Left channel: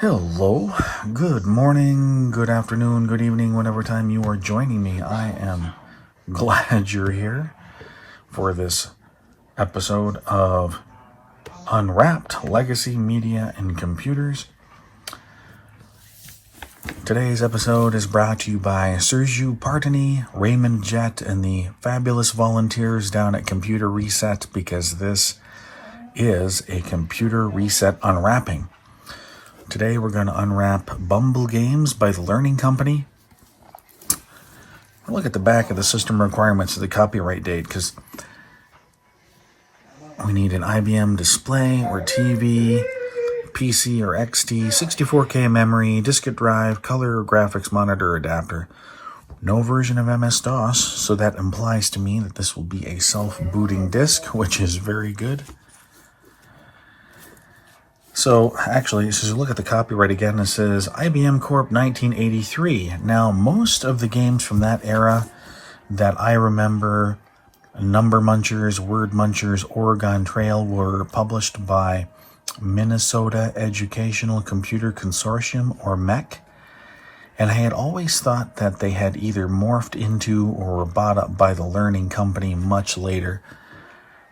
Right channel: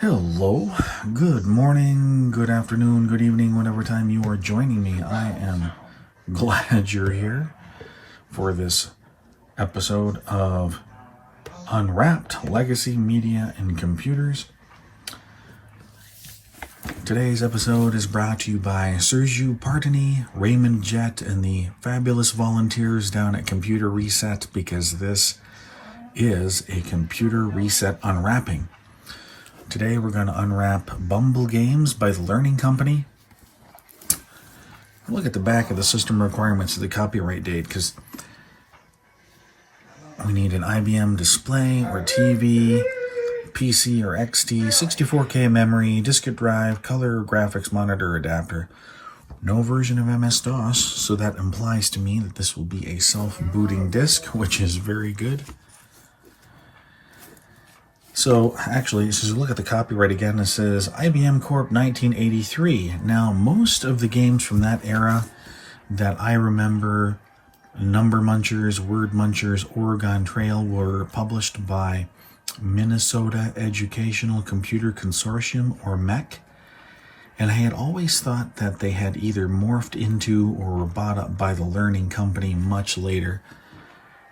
Hello, good morning, good afternoon, good evening, whatever time you are joining me. I am glad you're here for this episode of Unwrapped Legacy Media and Computers. Today's episode is brought to you by Sergio Partini, Raymond Jett, and the fabulous volunteers down at Computer Reset, because this is a Computer Reset unwrapping. Today we're going to unwrap Bumble Games by the Learning Company. Look at the back of the system requirements of the copyright date, because we need an IBM display or TV, PC or XT, 64K memory, diskette drive, color or graphics monitor adapter. No version of MS-DOS, so that implies to me that this will be a self-booting disk, which is very good. So, actually, as you look at the copyright again, it says IBM Corp 1983. Now, most of the games from that era that I remember, Number Munchers, Word Munchers, Oregon Trail, were published by Minnesota Educational Computer Consortium, or MEC. And I had always thought that they had either morphed into or were bought up by the Learning Company much later.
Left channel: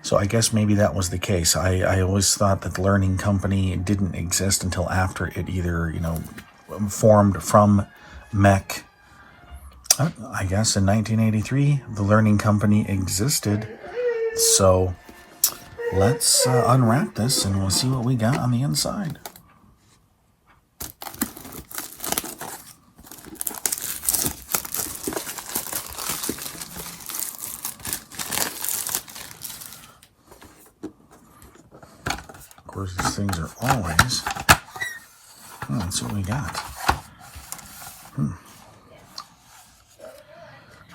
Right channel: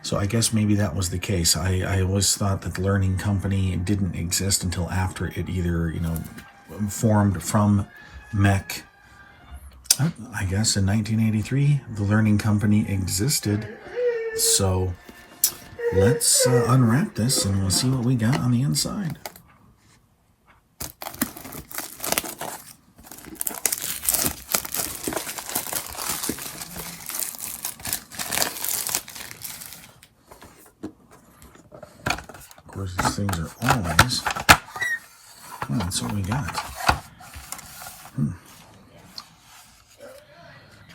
So I guess maybe that was the case. I always thought that the Learning Company didn't exist until after it either, formed from MEC. I guess in 1983, the Learning Company existed. So let's unwrap this and we'll see what we got on the inside. Of course, these things are always... that's what we got.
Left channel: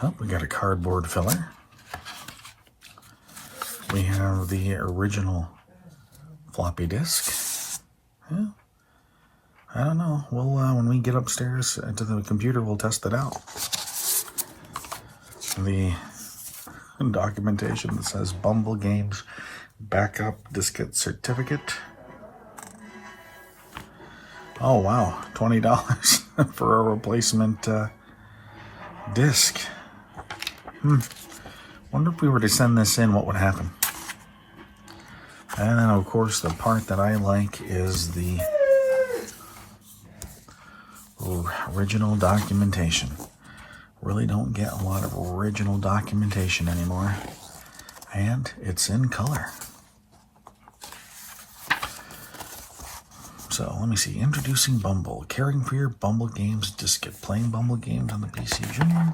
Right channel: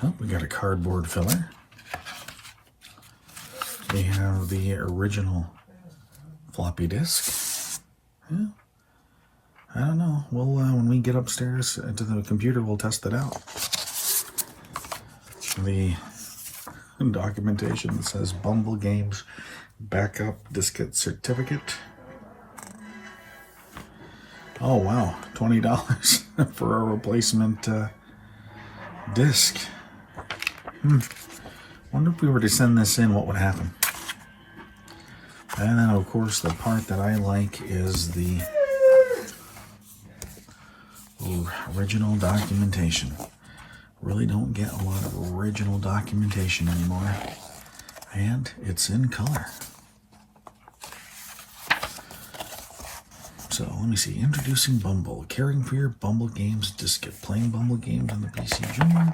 Oh, we got a cardboard filler. We have the original floppy disk. Yeah. I don't know. Well, when we get upstairs to the computer, we'll test it out. The documentation that says Bumble Games Backup Diskette Certificate. Oh, wow. $20 for a replacement disk. Wonder if we were to send this in, what would happen? And then, of course, the part that I like is the original documentation. Really don't get a lot of original documentation anymore. And it's in color. So, let me see. Introducing Bumble. Caring for your Bumble Games diskette. Playing Bumble Games on the PC Junior.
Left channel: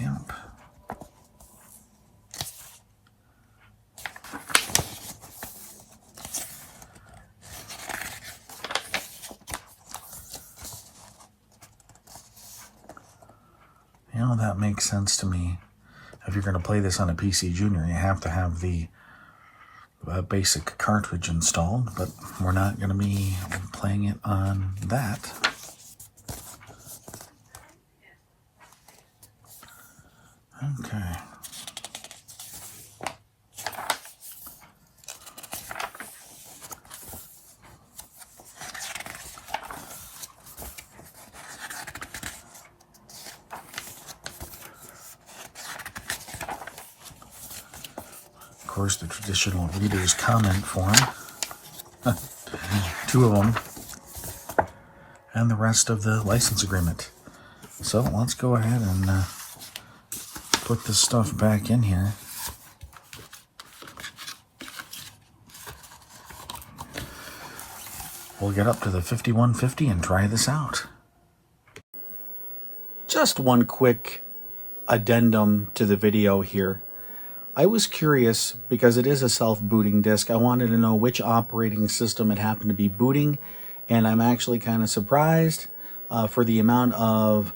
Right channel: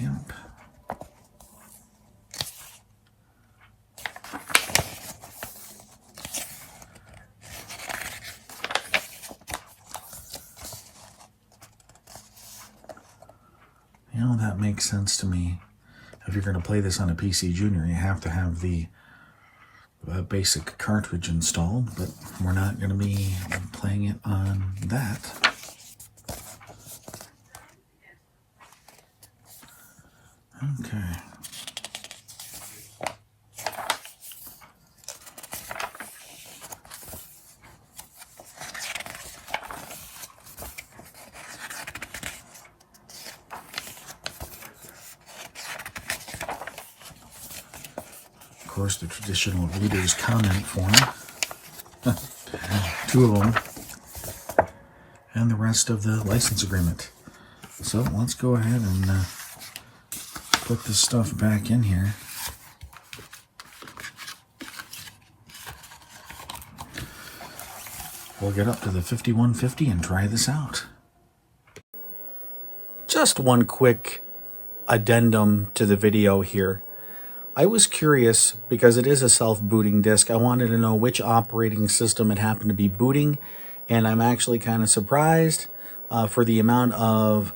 Yep. That makes sense to me. If you're going to play this on a PC Junior, you have to have the basic cartridge installed, but we're not going to be playing it on that. Okay. Of course, the traditional reader's comment form. 2 of them. And the rest of the license agreement. So let's go ahead and put this stuff back in here. We'll get up to the 5150 and try this out. Just one quick addendum to the video here. I was curious, because it is a self-booting disk, I wanted to know which operating system it happened to be booting, and I'm actually kind of surprised for the amount of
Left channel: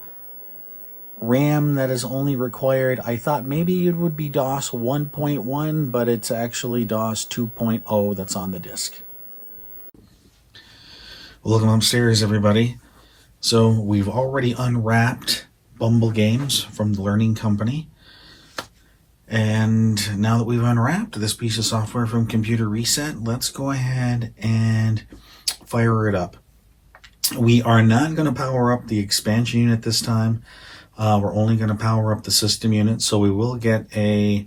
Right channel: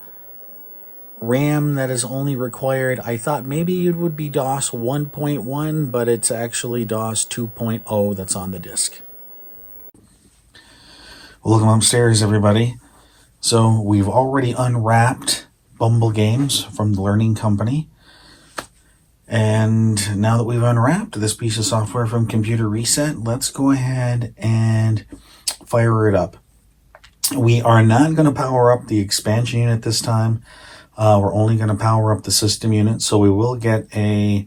RAM that is only required. I thought maybe it would be DOS 1.1, but it's actually DOS 2.0 that's on the disk. Welcome upstairs, everybody. So we've already unwrapped Bumble Games from the Learning Company. And now that we've unwrapped this piece of software from Computer Reset, let's go ahead and fire it up. We are not going to power up the expansion unit this time. We're only going to power up the system unit, so we will get a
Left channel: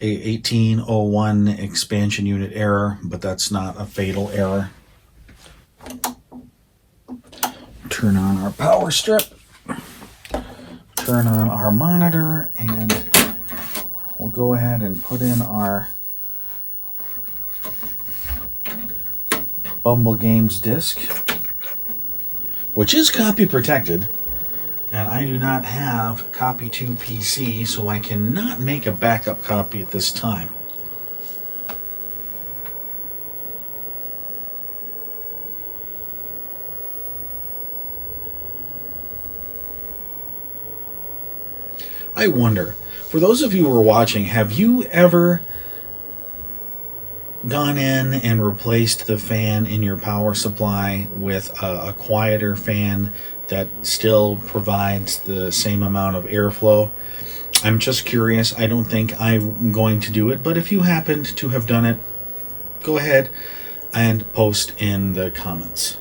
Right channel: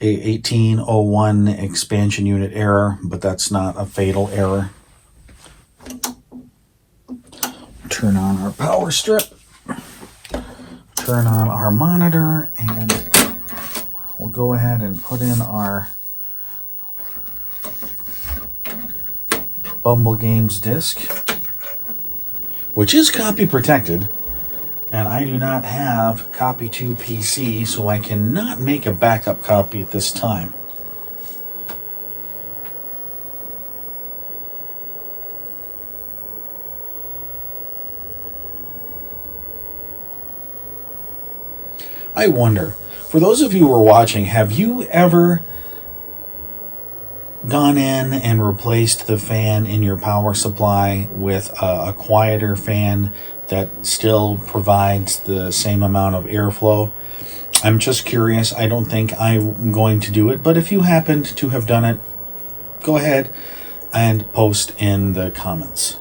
1801 expansion unit error, but that's not a fatal error. Turn on our power strip, turn on our monitor, and we'll go ahead and put in our Bumble Games disc, which is copy protected, and I do not have copy to PC, so I cannot make a backup copy at this time. I wonder, for those of you who are watching, have you ever gone in and replaced the fan in your power supply with a quieter fan that still provides the same amount of airflow? I'm just curious. I don't think I'm going to do it, but if you happened to have done it, go ahead and post in the comments.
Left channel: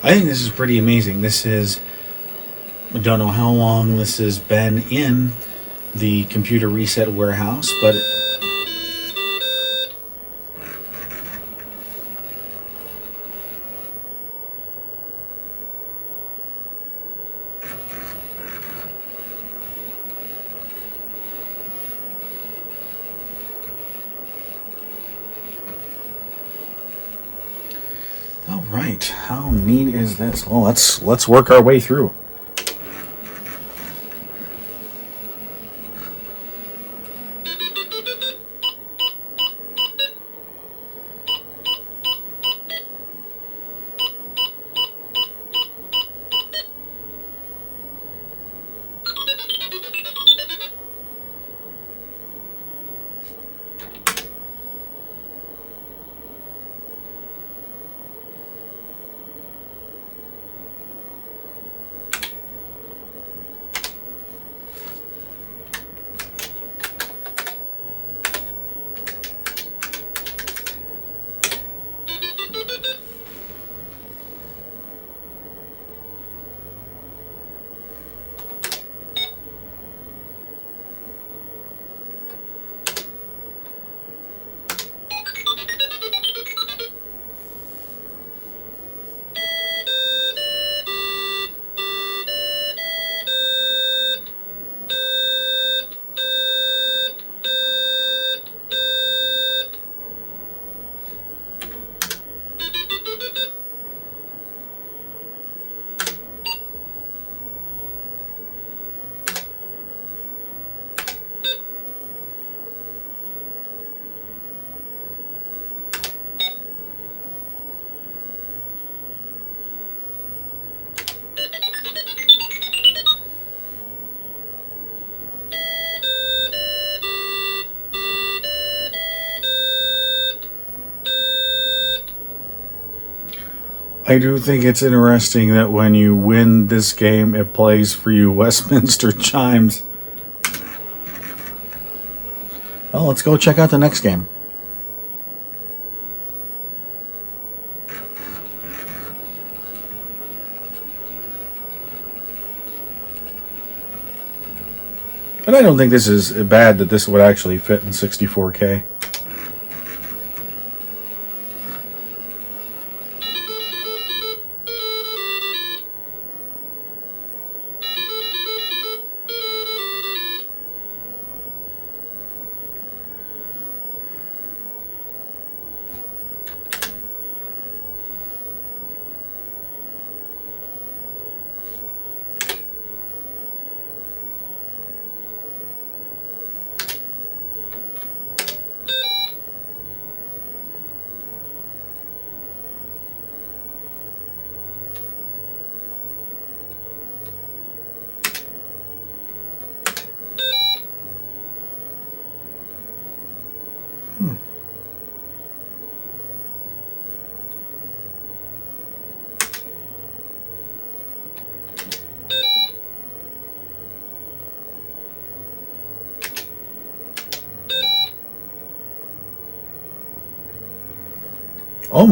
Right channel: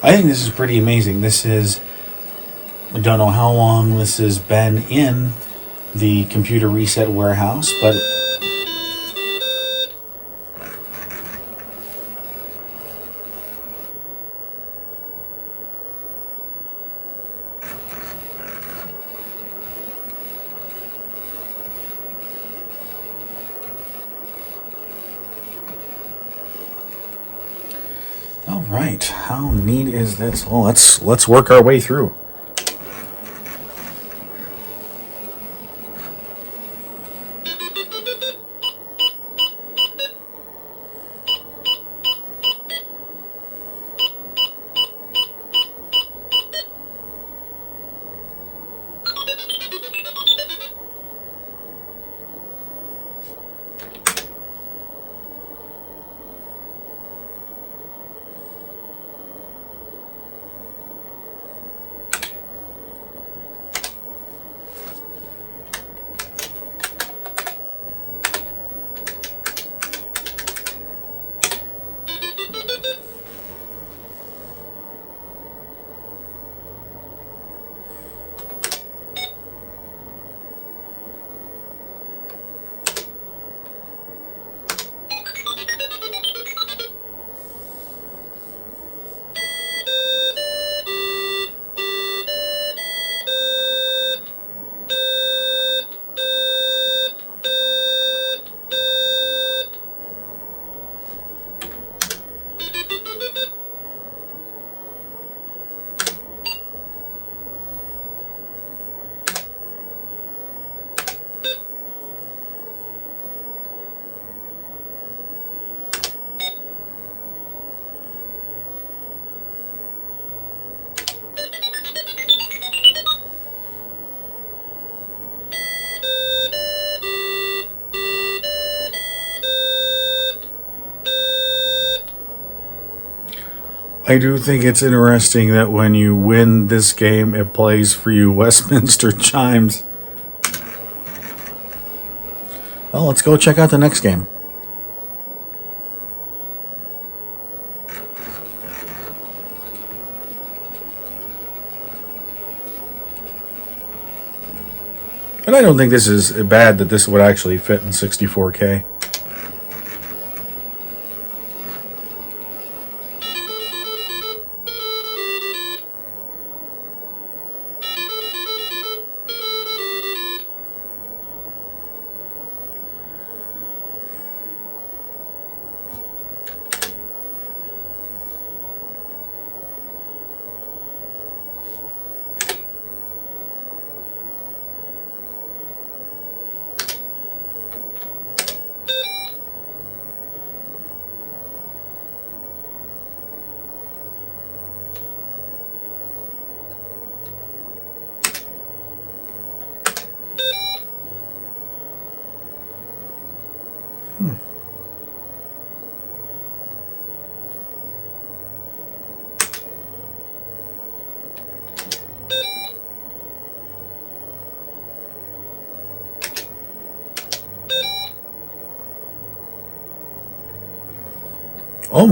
I think this is pretty amazing. I don't know how long this has been in the computer reset warehouse, but all right. How neat is this? Oh, let's work our way through. I do think it's interesting that when you win this game, it plays for you Westminster chimes. Well, let's go check out the next game. And I don't think this is bad that this would actually fit in 64K.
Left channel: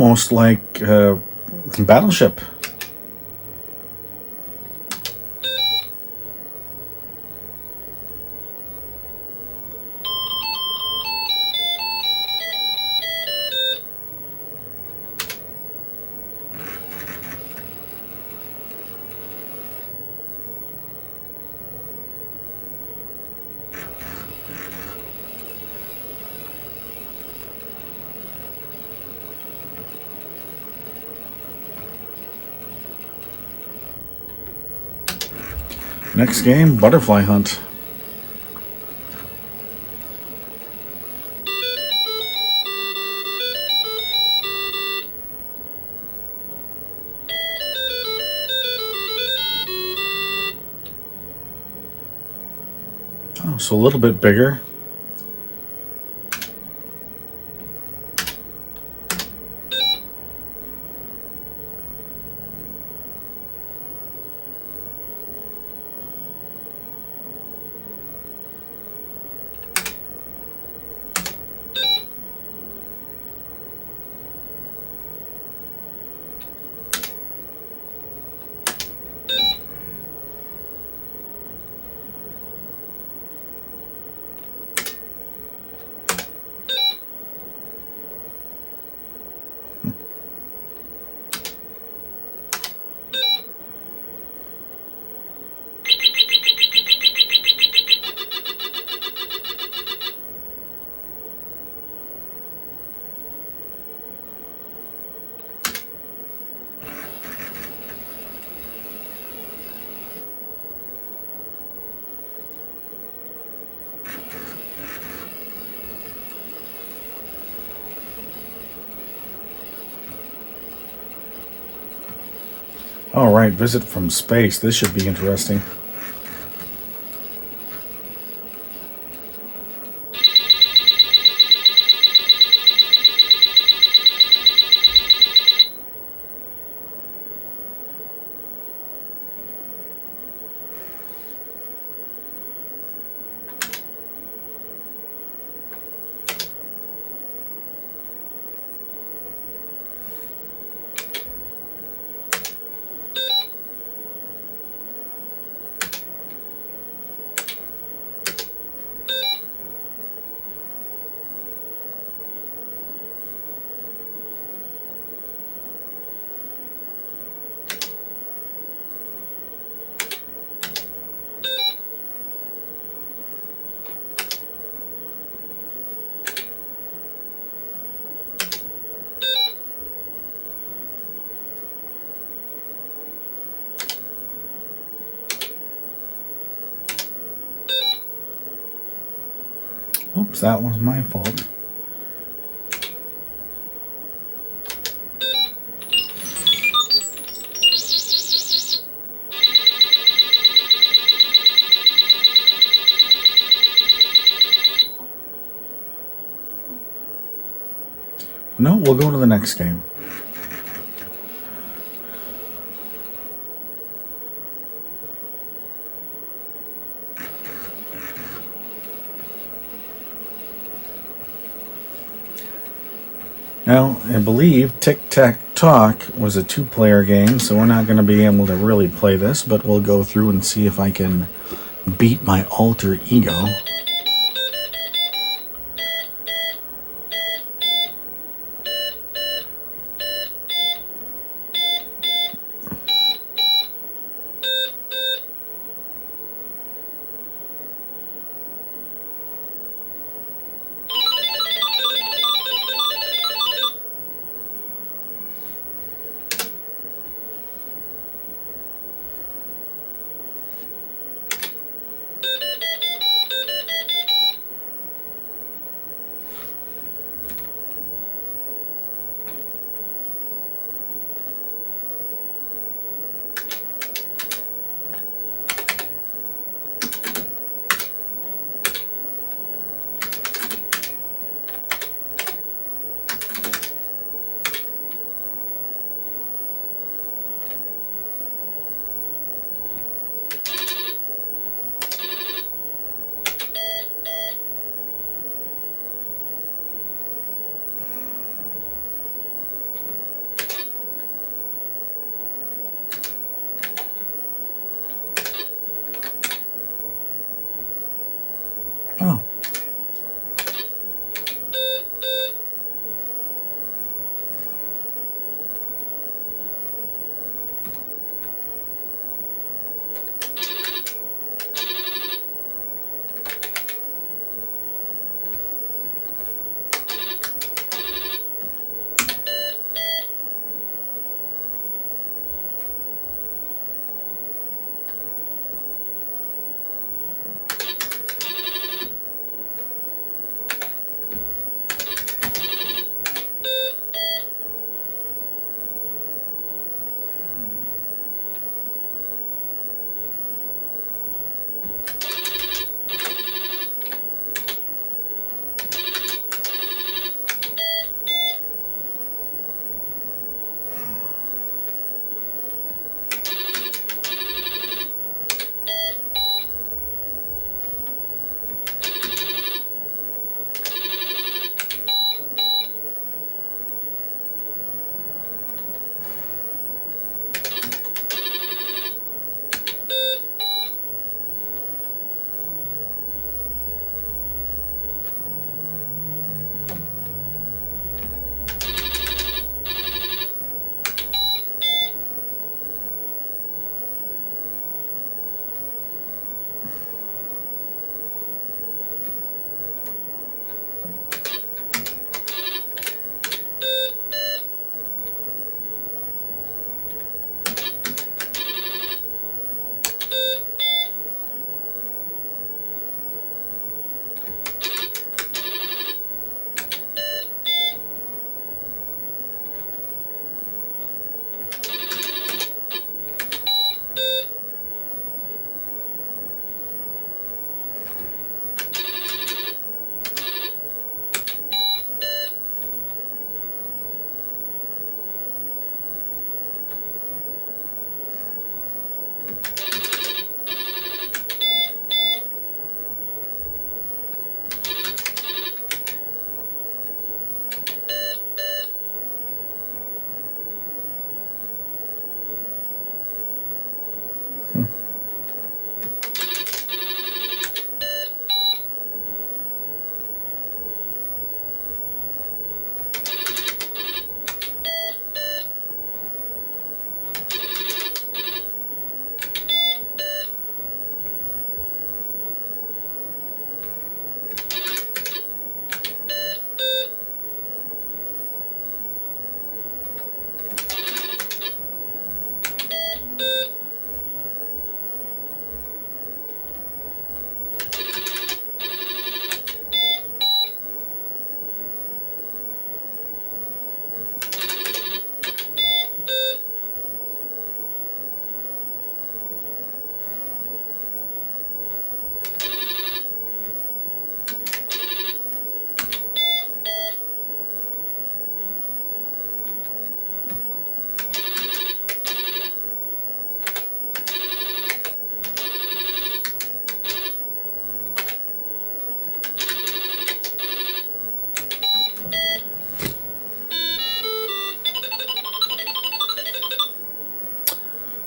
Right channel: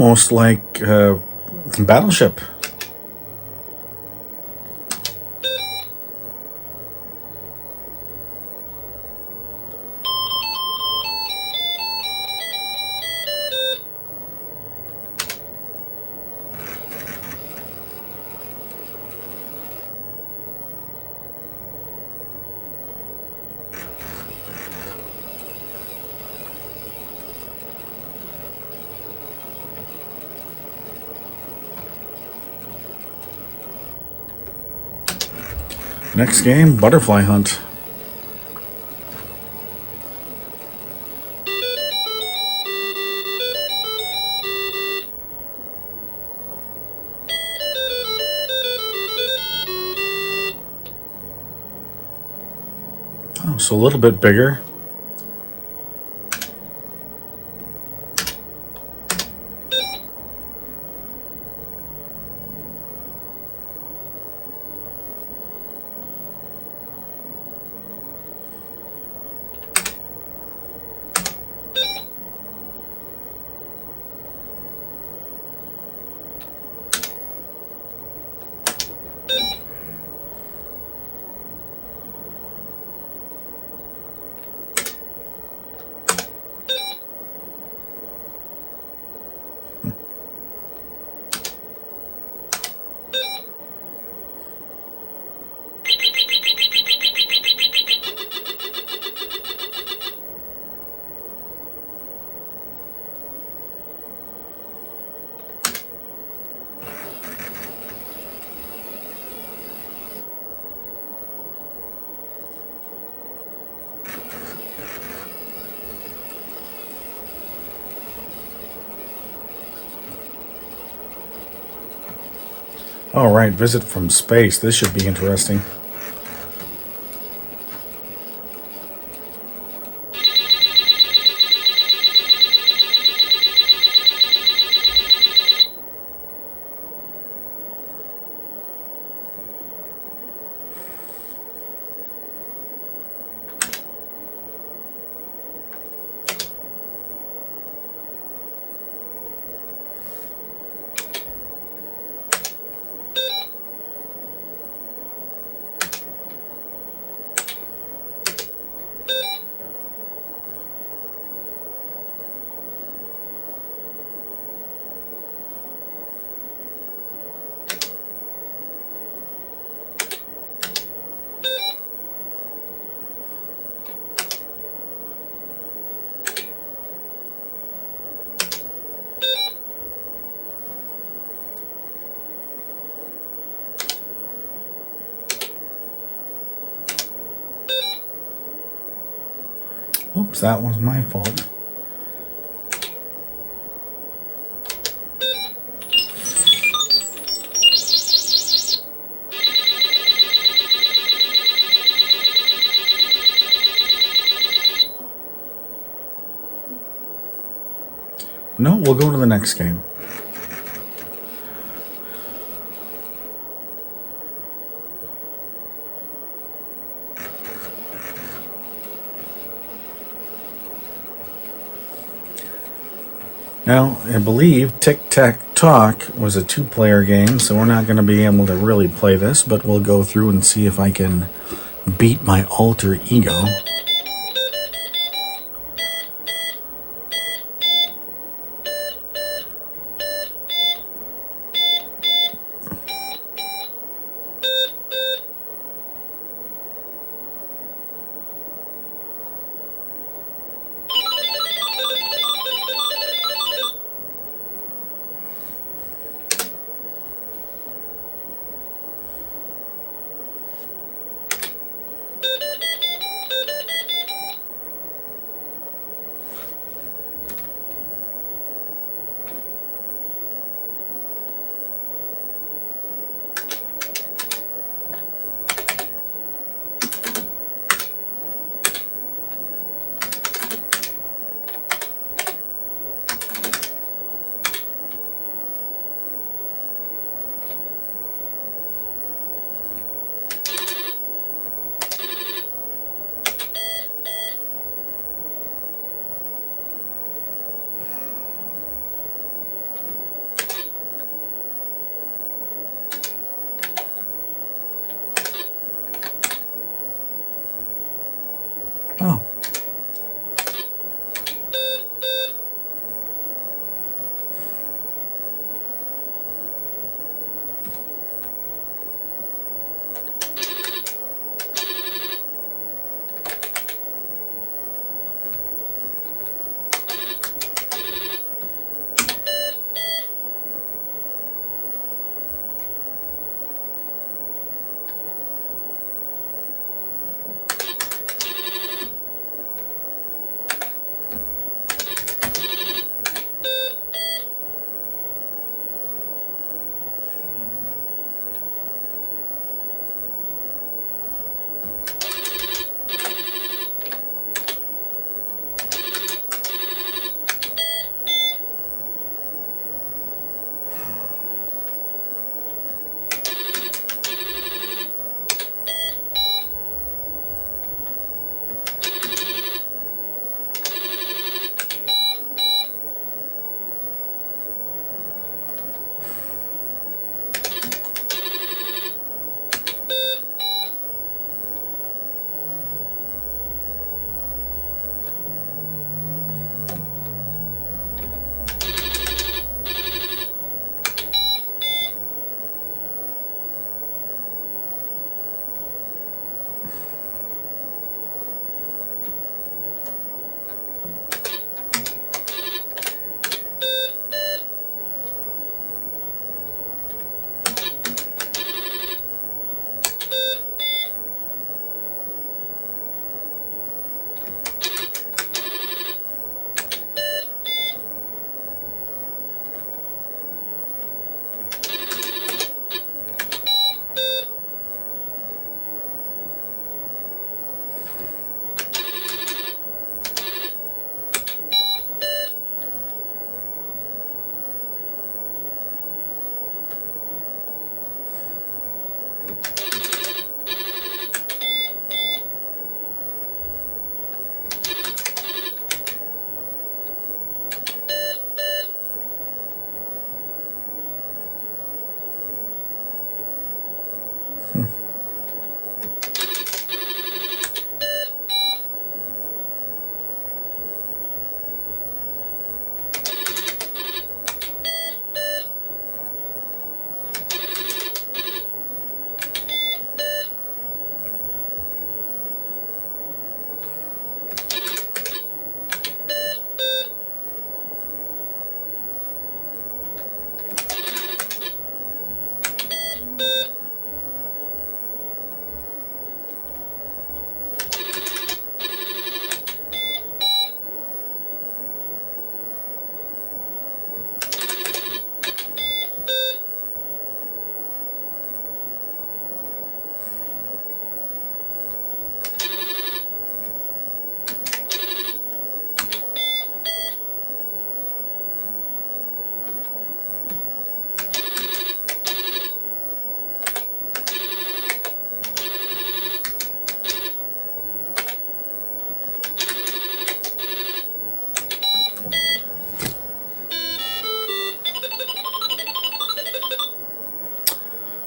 almost like Battleship. Next game, Butterfly Hunt. Oh, it's a little bit bigger. All right, Visit from Space. This should be interesting. Oops, that was my fault. No, we'll go to the next game. Now, I believe Tic-Tac-Tock was a two-player game, so we're not going to be able to really play this, but we'll go through and see if I can beat my alter ego.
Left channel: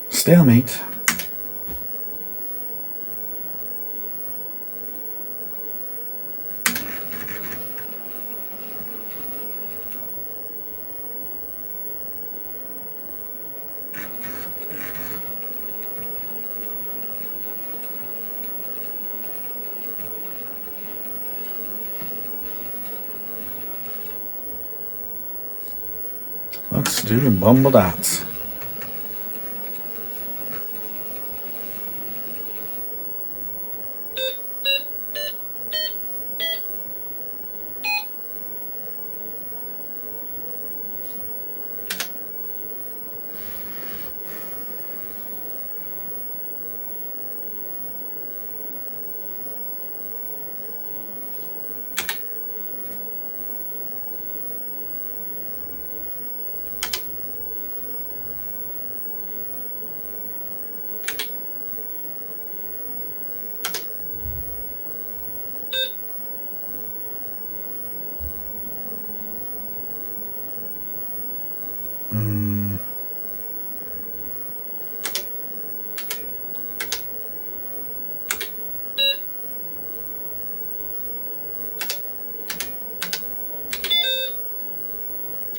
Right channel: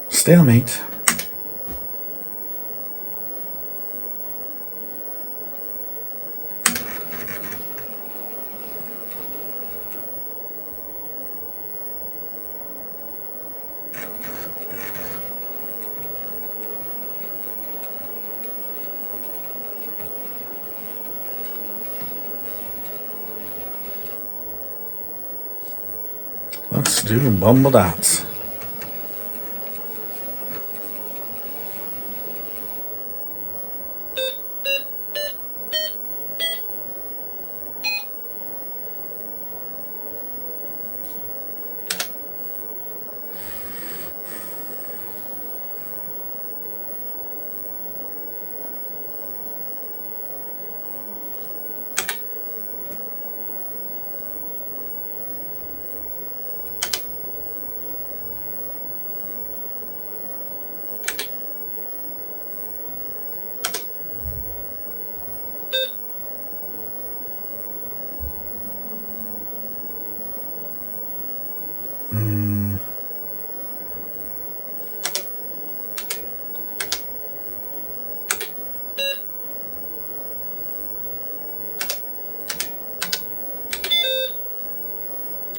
Stalemate. Let's do Bumble Dots.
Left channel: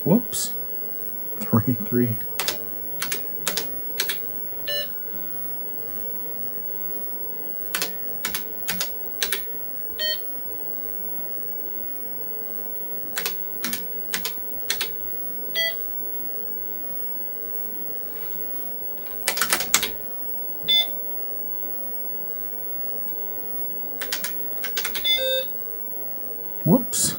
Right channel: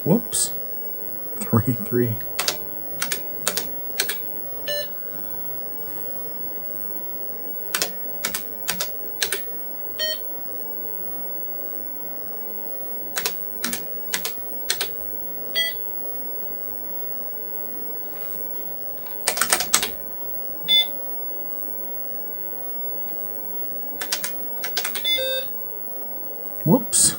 Whoops. 3-3. Whoops.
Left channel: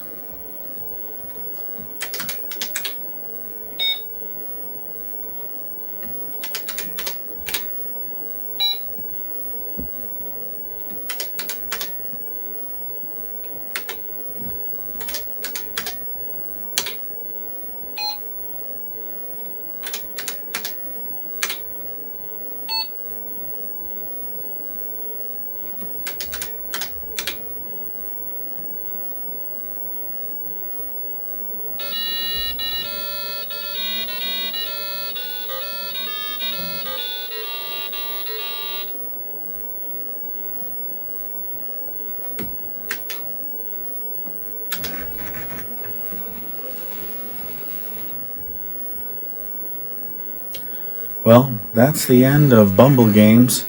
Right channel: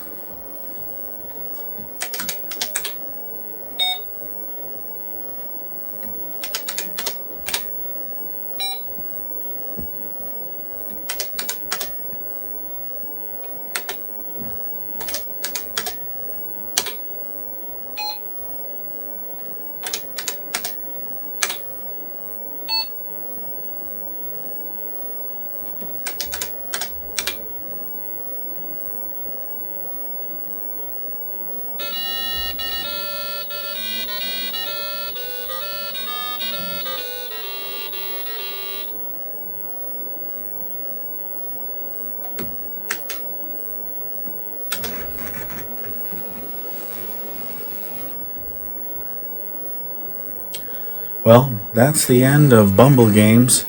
Well, that's the end of Bumble Games.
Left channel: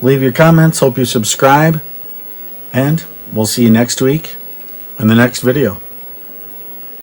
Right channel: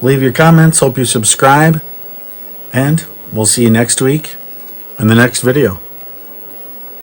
Leave your comments, hope you subscribe, and we'll see you next week in the next video.